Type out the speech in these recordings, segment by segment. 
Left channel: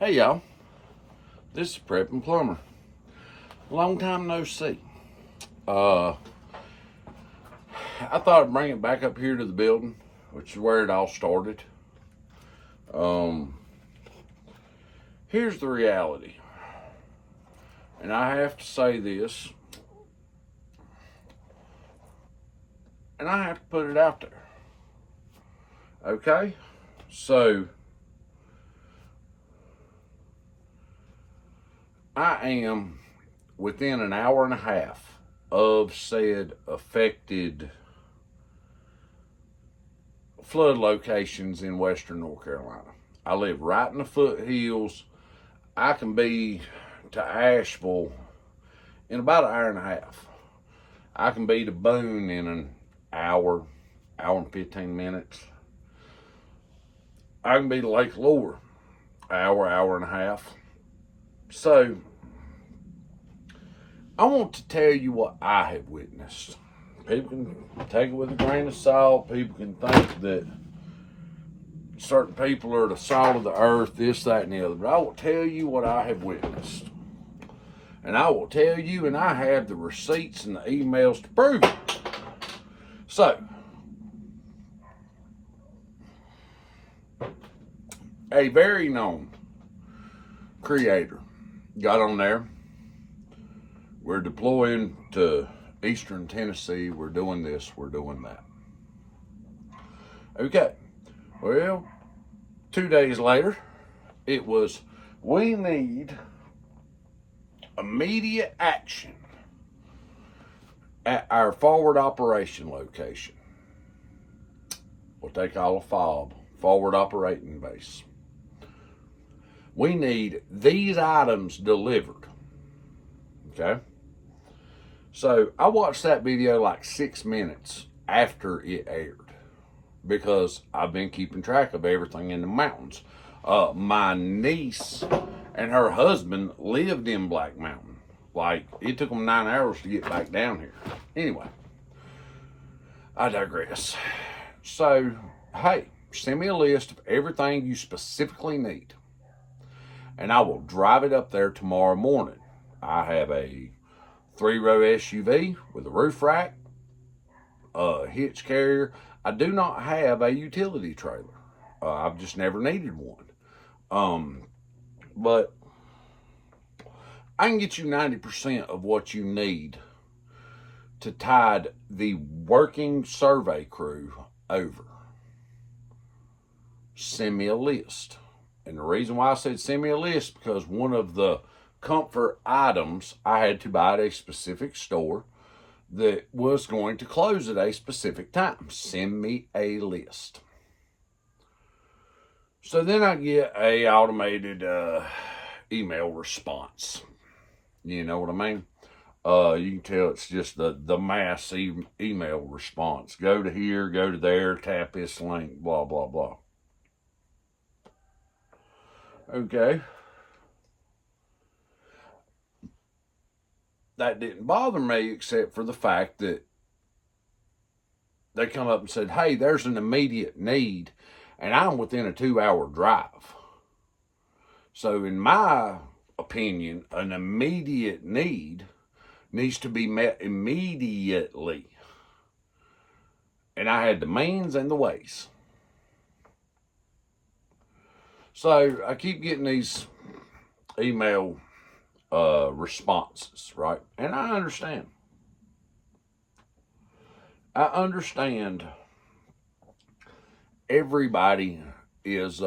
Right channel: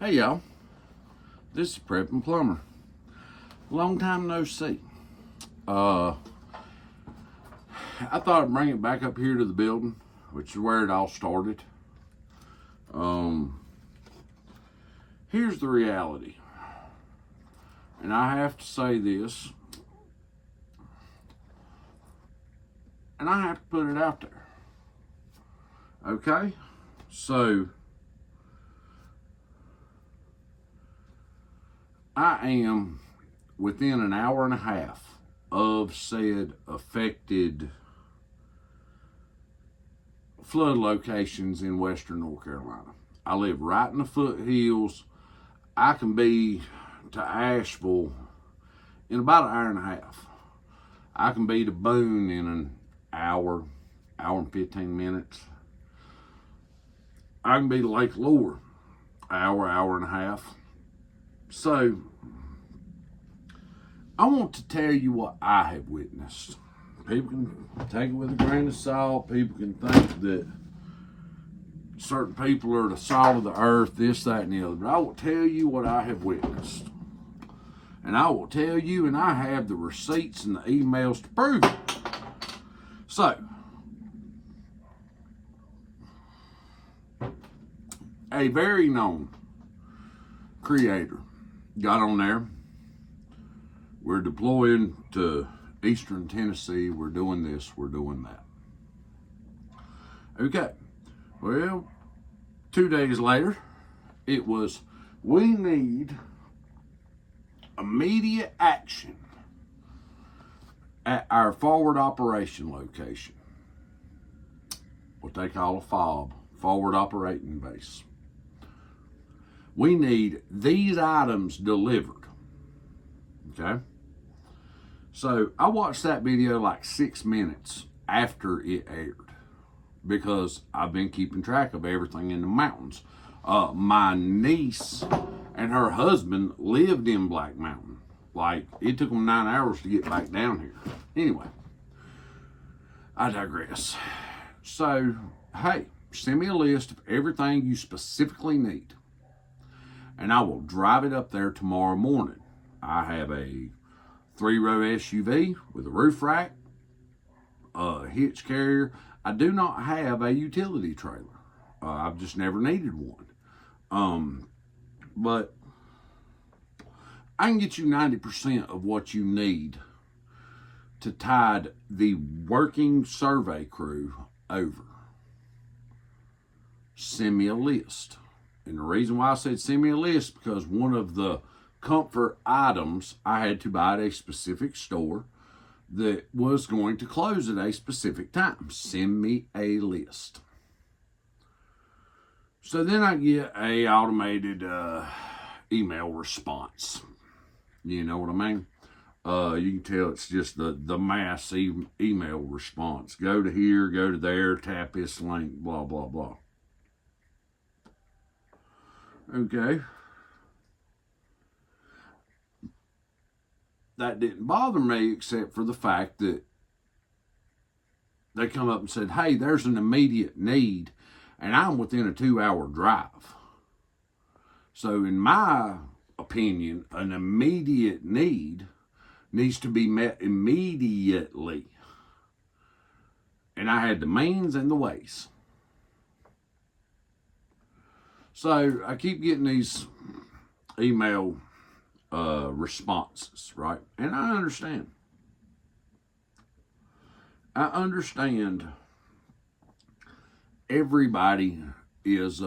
Hey y'all, this is Prep and Plumber. Long time no see. Uh, I thought I'd bring it back up here to the building, which is where it all started. Um, Here's the reality, and I have to say this, and I have to put it out there. Okay, so I am within an hour and a half of said affected flood locations in western North Carolina. I live right in the foothills. I can be to Asheville in about an hour and a half. I can be to Boone in an hour, hour and 15 minutes. I can be to Lake Lure, hour, hour and a half. So, I want to tell you what I have witnessed. People can take it with a grain of salt. People can think that certain people are the salt of the earth, this, that, and the other. But I will tell you what I have witnessed. And I will tell you, and I have the receipts and the emails to prove it. So, a very known creator got on there. We're deploying to eastern Tennessee. We're doing this, we're doing that. Okay. Well, 2 days later, it was, we need immediate action at our forward operation location, what they call a FOB, forward operating base. We need these items delivered. Okay? So I watched that video like 6 minutes after it aired because I've been keeping track of everything in the mountains. My niece and her husband lived in Black Mountain. Like, it took them 9 hours to get back down here. Anyway, I digress. So, hey, send me a list of everything you specifically need, and I will drive it up there tomorrow morning. I have a 3-row SUV with a roof rack, a hitch carrier. I do not have a utility trailer. I've just never needed one. But I can get you 90% of what you need to tide the working survey crew over. Send me a list. And the reason why I said send me a list, because one of the comfort items I had to buy at a specific store that was going to close at a specific time. Send me a list. So then I get a automated email response. You know what I mean? You can tell it's just the mass email response. Go to here, go to there, tap this link, blah, blah, blah. Okay. That didn't bother me except for the fact that they come up and said, hey, there's an immediate need, and I'm within a 2-hour drive. So in my opinion, an immediate need needs to be met immediately. And I had the means and the ways. So I keep getting these email responses, right? And I understand. I understand everybody is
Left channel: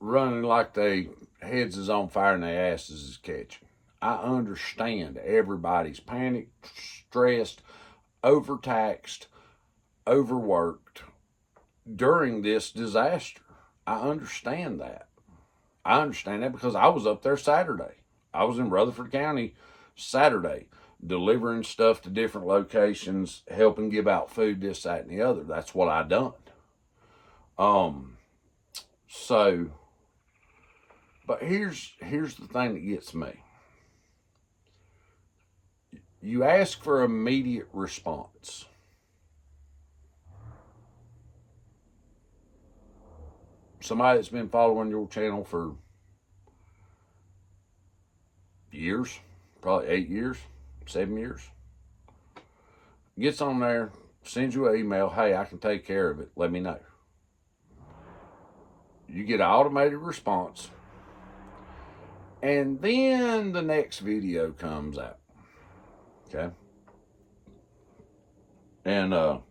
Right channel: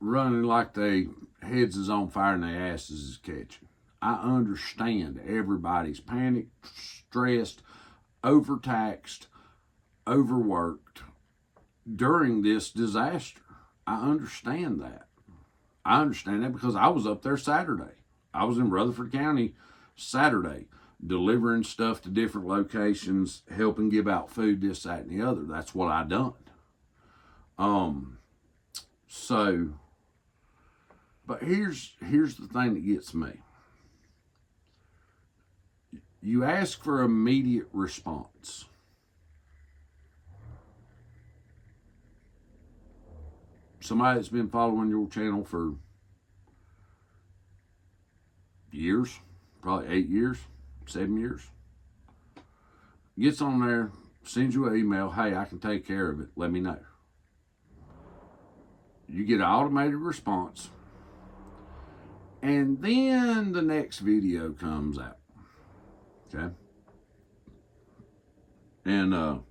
running like they heads is on fire and their asses is catching. I understand everybody's panicked, stressed, overtaxed, overworked during this disaster. I understand that. I understand that because I was up there Saturday. I was in Rutherford County Saturday delivering stuff to different locations, helping give out food, this, that, and the other. That's what I done. So, but here's the thing that gets me. You ask for immediate response. somebody that's been following your channel for years, probably 8 years, 7 years, gets on there, sends you an email, hey, I can take care of it, let me know. You get an automated response, and then the next video comes out, okay? And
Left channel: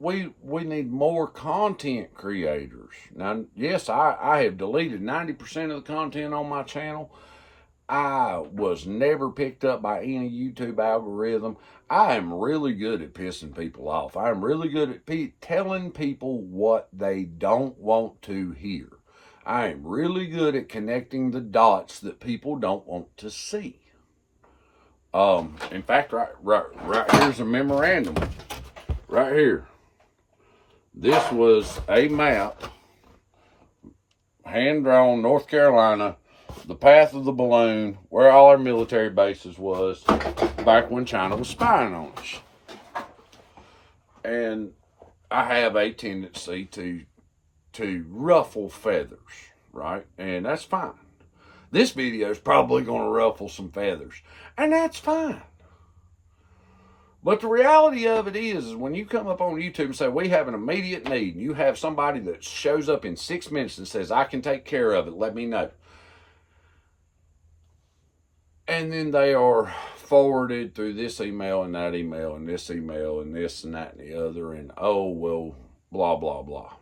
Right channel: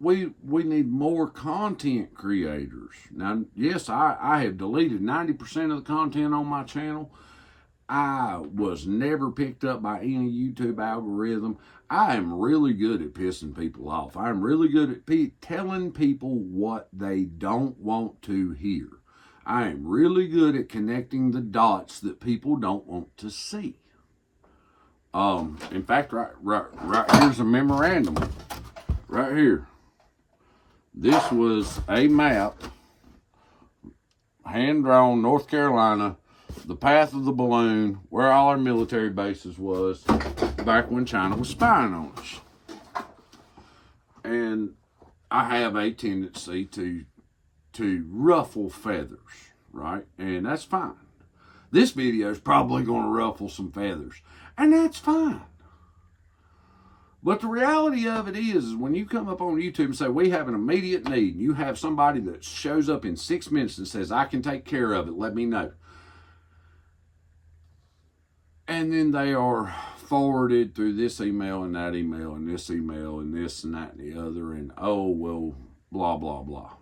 we need more content creators. Now, yes, I have deleted 90% of the content on my channel. I was never picked up by any YouTube algorithm. I am really good at pissing people off. I'm really good at telling people what they don't want to hear. I am really good at connecting the dots that people don't want to see. In fact, right here's a memorandum. Right here. This was a map, hand-drawn, North Carolina, the path of the balloon, where all our military bases was back when China was spying on us. And I have a tendency to ruffle feathers, right? And that's fine. This video is probably going to ruffle some feathers, and that's fine. But the reality of it is when you come up on YouTube and say, we have an immediate need, and you have somebody that shows up in 6 minutes and says, I can take care of it, let me know. And then they are forwarded through this email and that email and this email and this and that and the other, and oh, well, blah, blah, blah.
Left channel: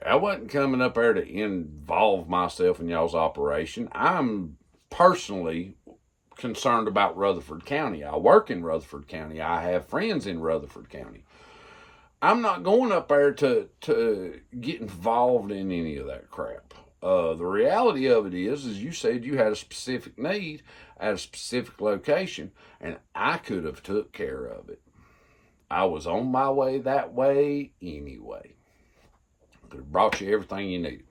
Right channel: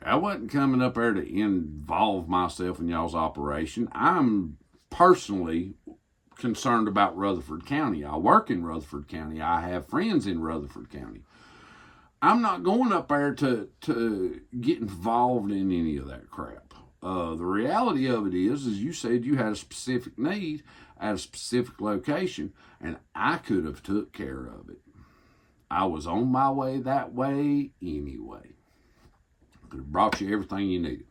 I wasn't coming up there to involve myself in y'all's operation. I'm personally concerned about Rutherford County. I work in Rutherford County. I have friends in Rutherford County. I'm not going up there to get involved in any of that crap. The reality of it is you said you had a specific need at a specific location, and I could have took care of it. I was on my way that way anyway. Could have brought you everything you needed.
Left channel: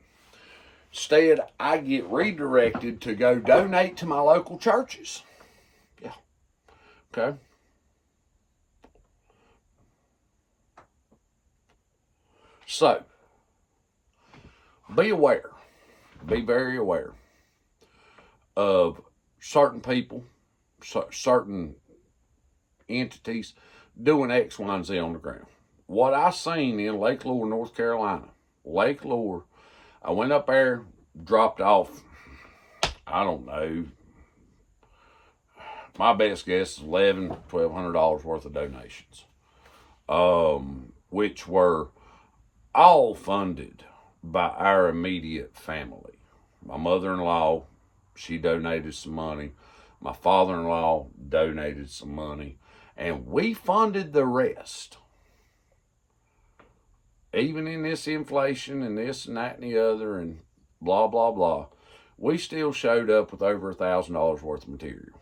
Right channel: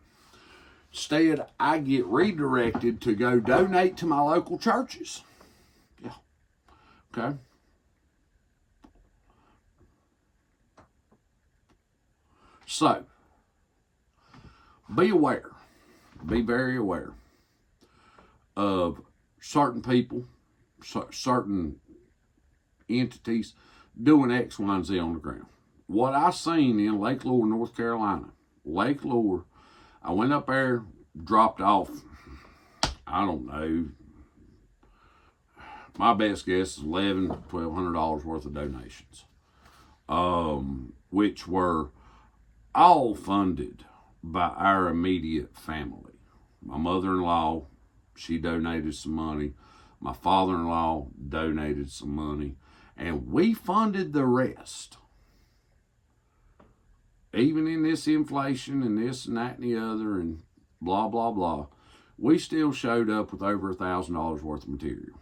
Instead, I get redirected to go donate to my local churches. Yeah. Okay. So, be aware. Be very aware of certain people, certain entities doing X, Y, and Z on the ground. What I seen in Lake Lure, North Carolina, Lake Lure, I went up there, dropped off, I don't know, my best guess is $1,100, $1,200 worth of donations, which were all funded by our immediate family. My mother-in-law, she donated some money. My father-in-law donated some money, and we funded the rest. Even in this inflation and this and that and the other and blah, blah, blah, we still showed up with over $1,000 worth of material,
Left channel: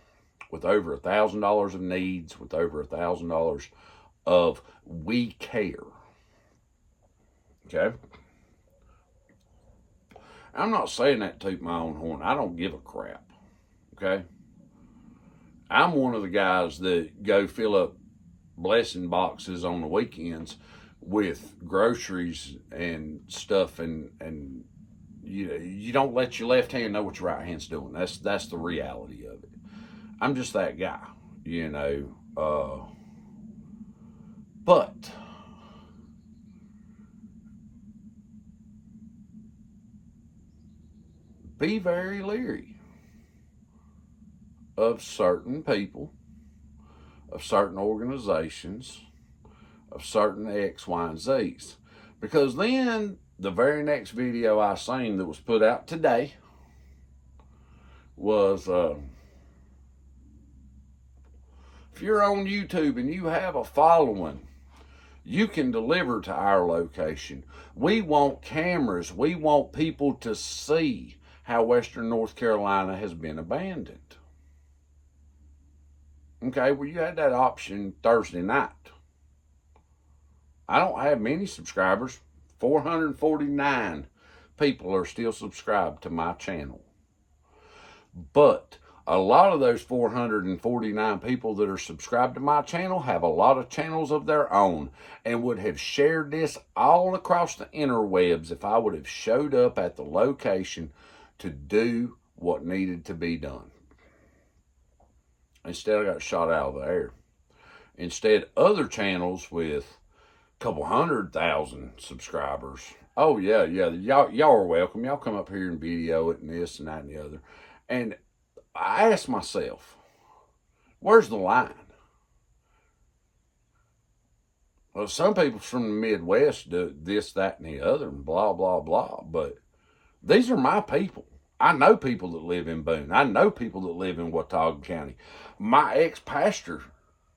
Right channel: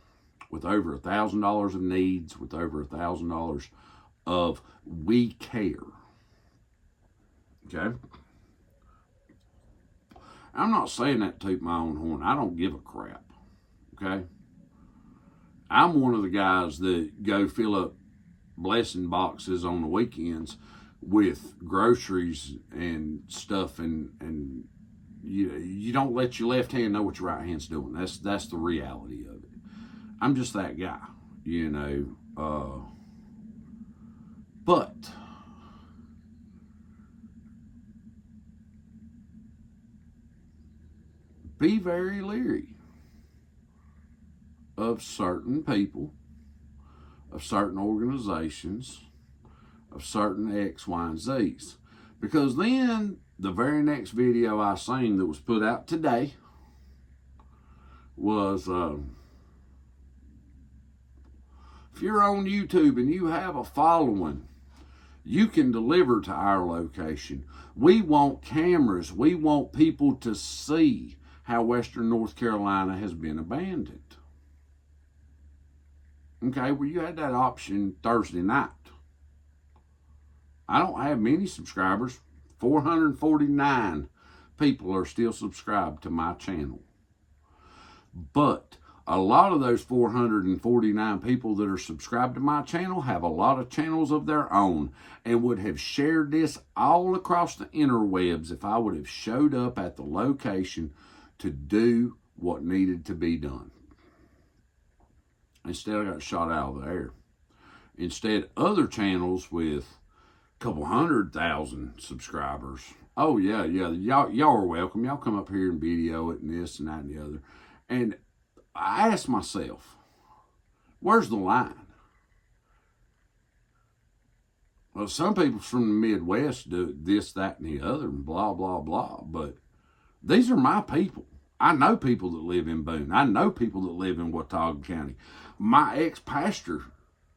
with over $1,000 of needs, with over $1,000 of we care. Okay? I'm not saying that to toot my own horn. I don't give a crap. Okay? I'm one of the guys that go fill up blessing boxes on the weekends with groceries and stuff, and you don't let your left hand know what your right hand's doing. That's the reality of it. I'm just that guy, you know. But be very leery of certain people, of certain organizations, of certain X, Y, and Z's. Because then the very next video I seen that was put out today was, if you're on YouTube and you have a following, you can deliver to our location. We want cameras. We want people to see how Western North Carolina has been abandoned. Okay, well, you had that option Thursday night. I don't have many subscribers. 449 people are still subscribed to my channel. But A lot of those 449 people that are subscribed to my channel have a lot of channels of their own and would have shared this all across the interwebs if I would have showed up at the location to do what needed to be done. Instead, I got shot out of the air. Instead, other channels with a couple 100,000 subscribers, oh yeah, y'all are welcome. Y'all come up here and video it and this and that and the other. And I asked myself, where's the line? Well, some people from the Midwest do this, that, and the other, and blah, blah, blah. But these are my people. I know people that live in Boone. I know people that live in Watauga County. My ex-pastor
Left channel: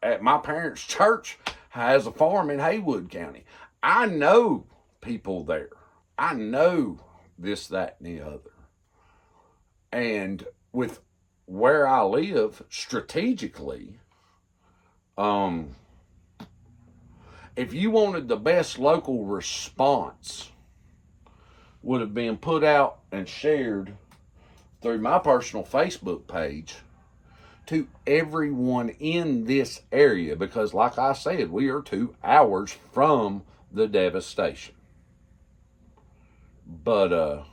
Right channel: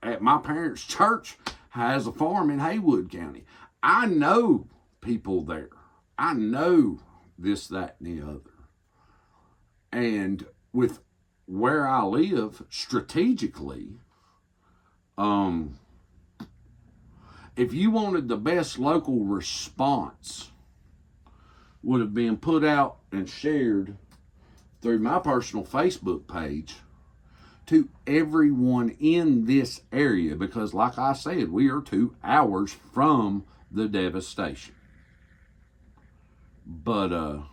at my parents' church has a farm in Haywood County. I know people there. I know this, that, and the other. And with where I live strategically, if you wanted the best local response, would have been put out and shared through my personal Facebook page to everyone in this area, because like I said, we are 2 hours from the devastation. But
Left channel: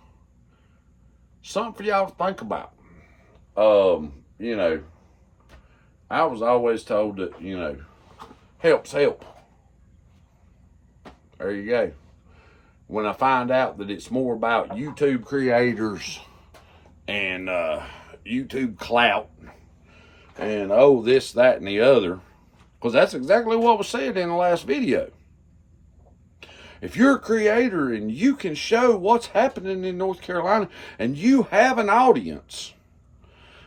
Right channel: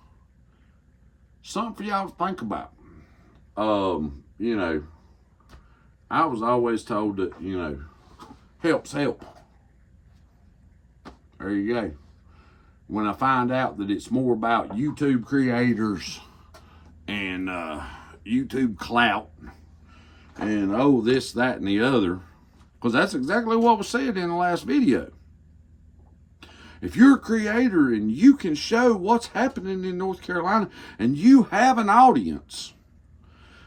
something for y'all to think about. You know, I was always told that, you know, helps help. There you go. When I find out that it's more about YouTube creators and YouTube clout and this, that, and the other, because that's exactly what was said in the last video. If you're a creator and you can show what's happening in North Carolina and you have an audience,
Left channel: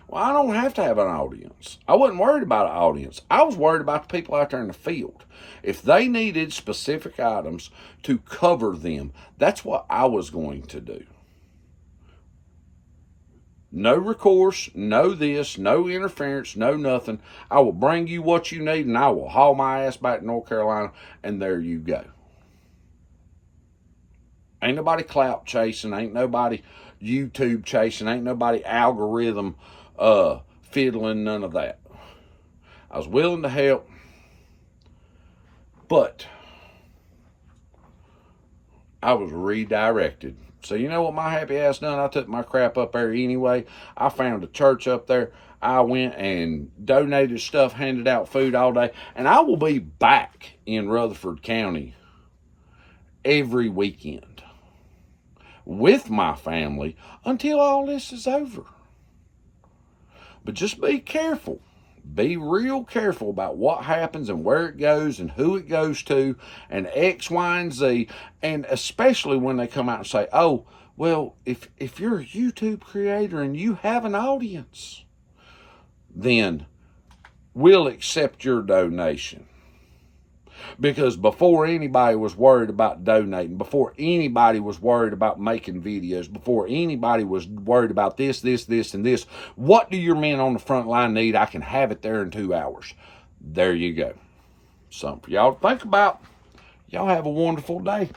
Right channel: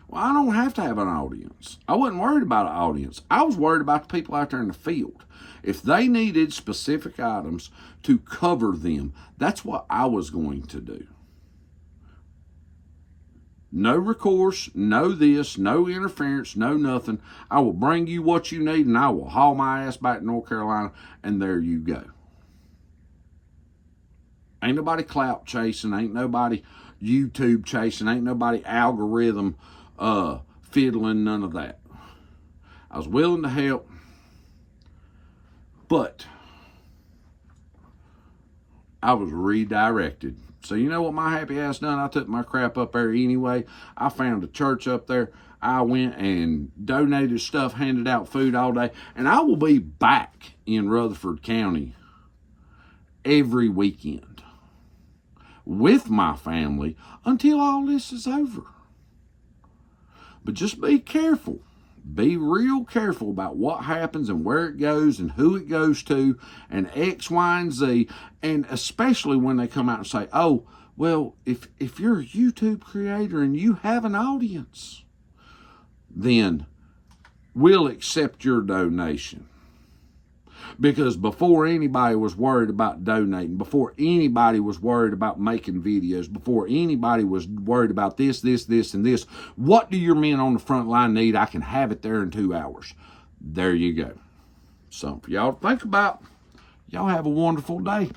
well, I don't have to have an audience. I wasn't worried about an audience. I was worried about the people out there in the field. If they needed specific items to cover them, that's what I was going to do. No recourse, no this, no interference, no nothing. I will bring you what you need and I will haul my ass back to North Carolina, and there you go. Ain't nobody clout chasing, ain't nobody YouTube chasing, ain't nobody algorithm fiddling, none of that. I was willing to help, but I was redirected. So you know what my happy ass done? I took my crap up there anyway. I found a church up there. I went and donated stuff, handed out food all day, and I will be back in Rutherford County every weekend with my family until all this is over. But just be careful. Be real careful about what happens and where it goes and who it goes to and X, Y, and Z. And especially when they come out and say, oh, well, if you're a YouTube creator and you have an audience, then we'll accept your donation. Because before anybody was worried about donating, before anybody was worried about making videos, before anybody was worried about this, and this, what do your men on the front line need? I can have it there in 2 hours. There you go. Something for y'all to think about. Y'all have a wonderful day.